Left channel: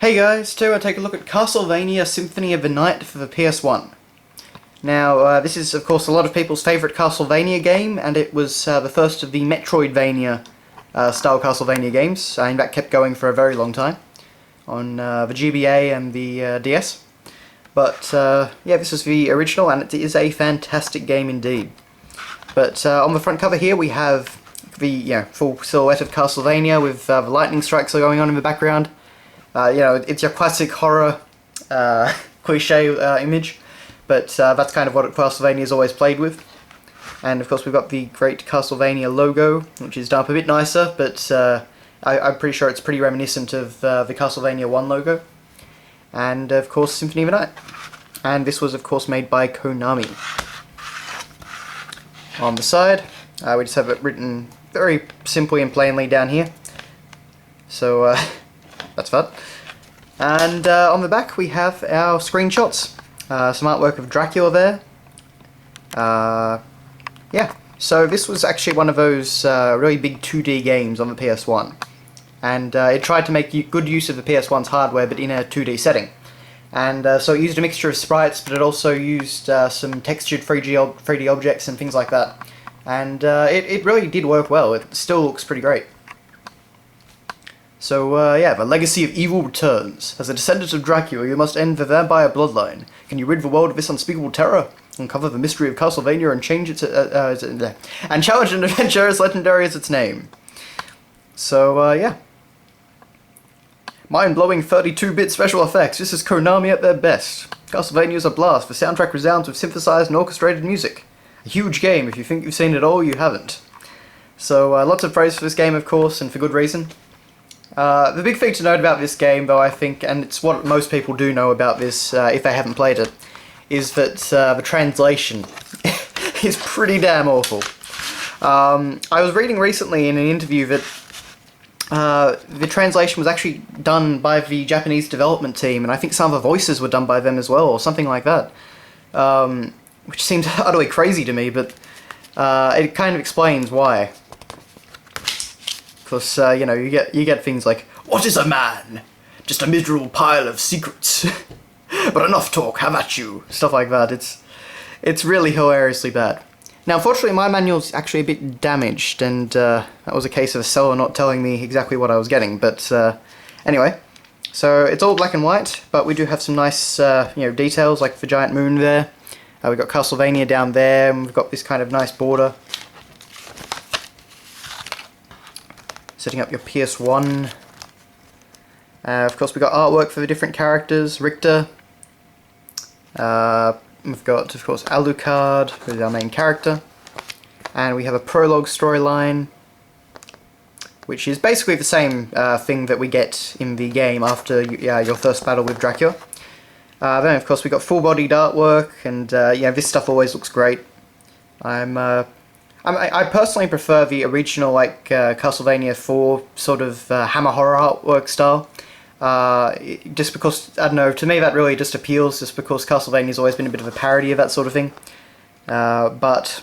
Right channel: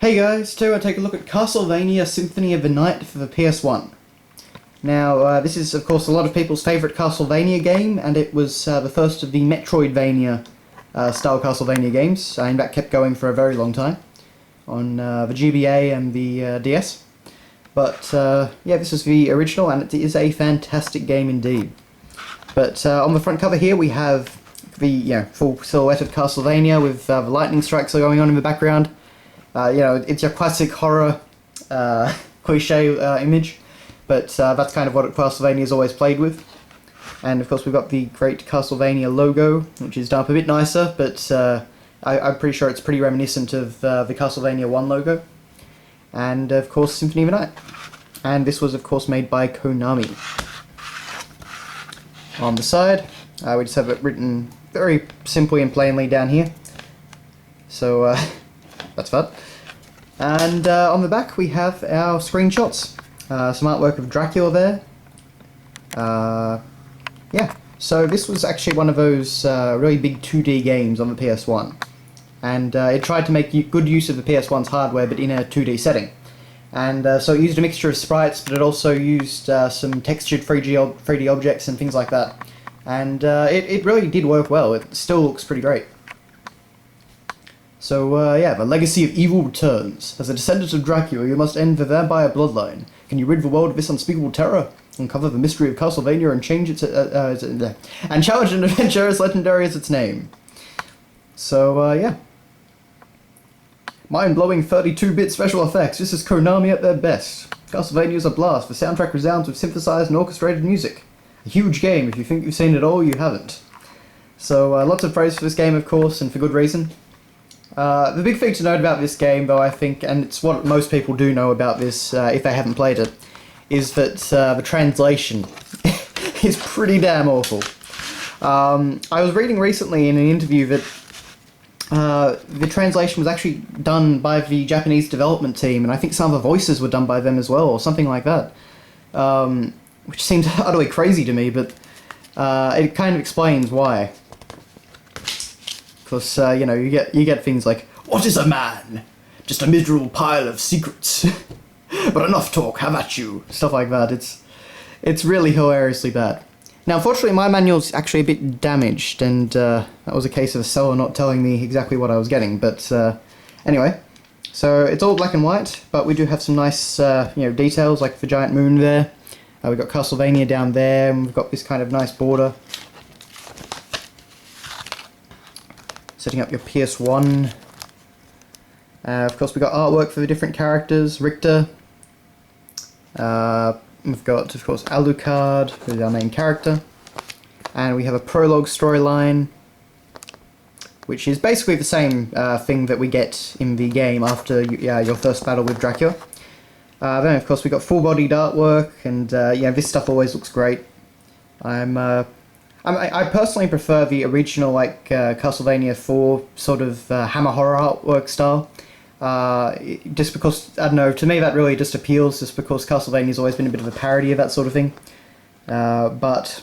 Hey guys, today we'll take a look at Castlevania Symphony of the Night for the PS1. Now, this is of course a lot of people's favourite Castlevania game, and it was the first of the Metroidvania style Castlevania games, and that kept going for a very long time on the GBA and the DS. But yeah, this is the original, and it is a fantastic game indeed. But on the front cover here we have the full silhouette of Castlevania with the lightning strikes going on in the background. It's your classic horror cliche image, but that's kind of what Castlevania's always played with. And of course we've got the great Castlevania logo, which is done up a bit nicer, but I'm pretty sure it's pretty reminiscent of the Castlevania 1 logo. And of course Symphony of the Night. And this was of course made by Konami. On the side, we just have it written very simply and plainly down here. So that's that. And on the back we have our screenshots. Some artwork of Dracula there. Yeah, so this was actually one of those really big 2D games on the PS1. And it tried to make good use of the PS1's hardware, but in a 2D setting. And so it used a mixture of sprites, but it also used some textured 3D objects and things like that. And it really did work well. It still looks pretty great. So, yeah, the legacy of evil returns. As a descendant of Dracula, you must end the vampire bloodline. Can you rid the world of this unspeakable terror? Uncover the mystery of Castlevania and and challenge an adventure as legendary as its name. So, yeah. Mind-blowing 32-bit special effects. This is Konami at their best. Castlevania is a blast. The soundtrack resounds with synthesized and orchestrated music. A huge game. If you think you've seen it all, you haven't. So, lots of praise for this game, of course, and for good reason. The big thing to note about this game, though, I think, and it's what most people do know about this if they haven't played it, is that the translation is pretty damn awful. I was reading recently in an interview that the translation was actually done by the Japanese development team, and I think some of the voices were done by them as well, or something like that. Which seems utterly crazy to me, but it kind of explains why. Because, you get things like, "What is a man? Just a miserable pile of secrets. But enough talk, have at you." Stuff like that. It's really hilariously bad. Now, unfortunately, my manual's actually a bit damaged, and that was a case of a seller not telling me exactly what I was getting. But anyway, so it's all black and white, but we do have some nice, details like the giant moon there. We've got Castlevania down there, and we've got this kind of nice border. Setting up your PS1. Of course, we've got artwork for the different characters. Richter. We've got, of course, Alucard, who's our main character. And we have a prologue storyline, which is basically the same thing that we get in the game after your first battle with Dracula. Then, of course, we've got full-bodied artwork, and this stuff always looks great. I personally prefer the original, Castlevania 4 sort of hammer horror artwork style. Just because, I don't know, to me that really just appeals, just because Castlevania's always been a bit of a parody of that sort of thing. But,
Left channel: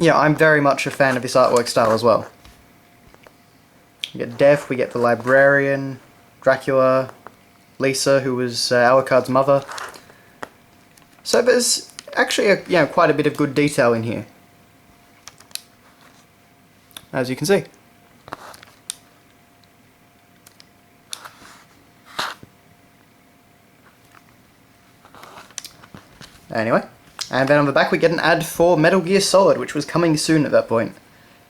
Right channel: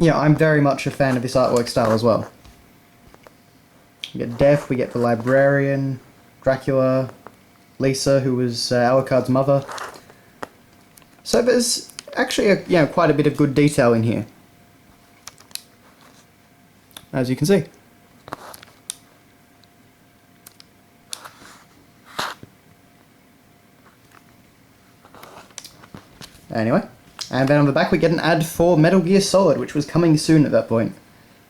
yeah, I'm very much a fan of this artwork style as well. We get Death, we get the Librarian, Dracula, Lisa, who was Alucard's mother. So there's actually quite a bit of good detail in here, as you can see. Anyway, and then on the back we get an ad for Metal Gear Solid, which was coming soon at that point.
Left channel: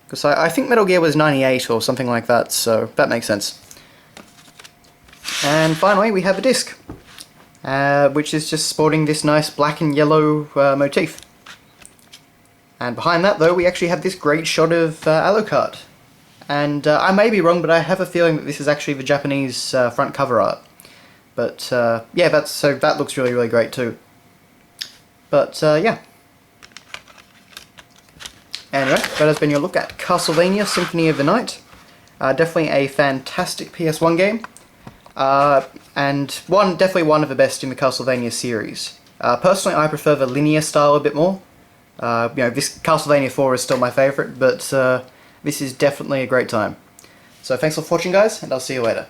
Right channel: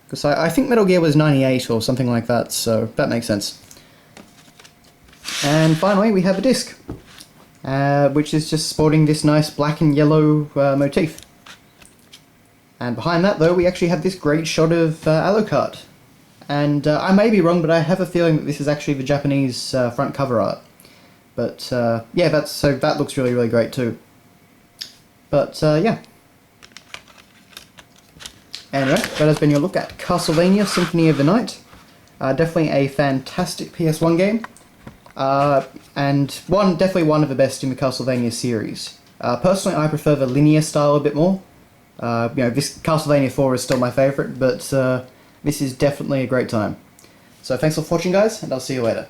Because I think Metal Gear was 98 or something like that, so that makes sense. And finally we have a disc, which is just sporting this nice black and yellow motif. And behind that, though, we actually have this great shot of Alucard. And I may be wrong, but I have a feeling that this is actually the Japanese front cover art. But yeah, that looks really, really great too. But yeah. Anyway, that has been your look at Castlevania Symphony of the Night. Definitely a fantastic PS1 game. And definitely one of the best in the Castlevania series. Personally, I prefer the linear style a bit more. This Castlevania 4 is still my favourite, but this is definitely a great time. So thanks for watching, guys, and I'll see you later.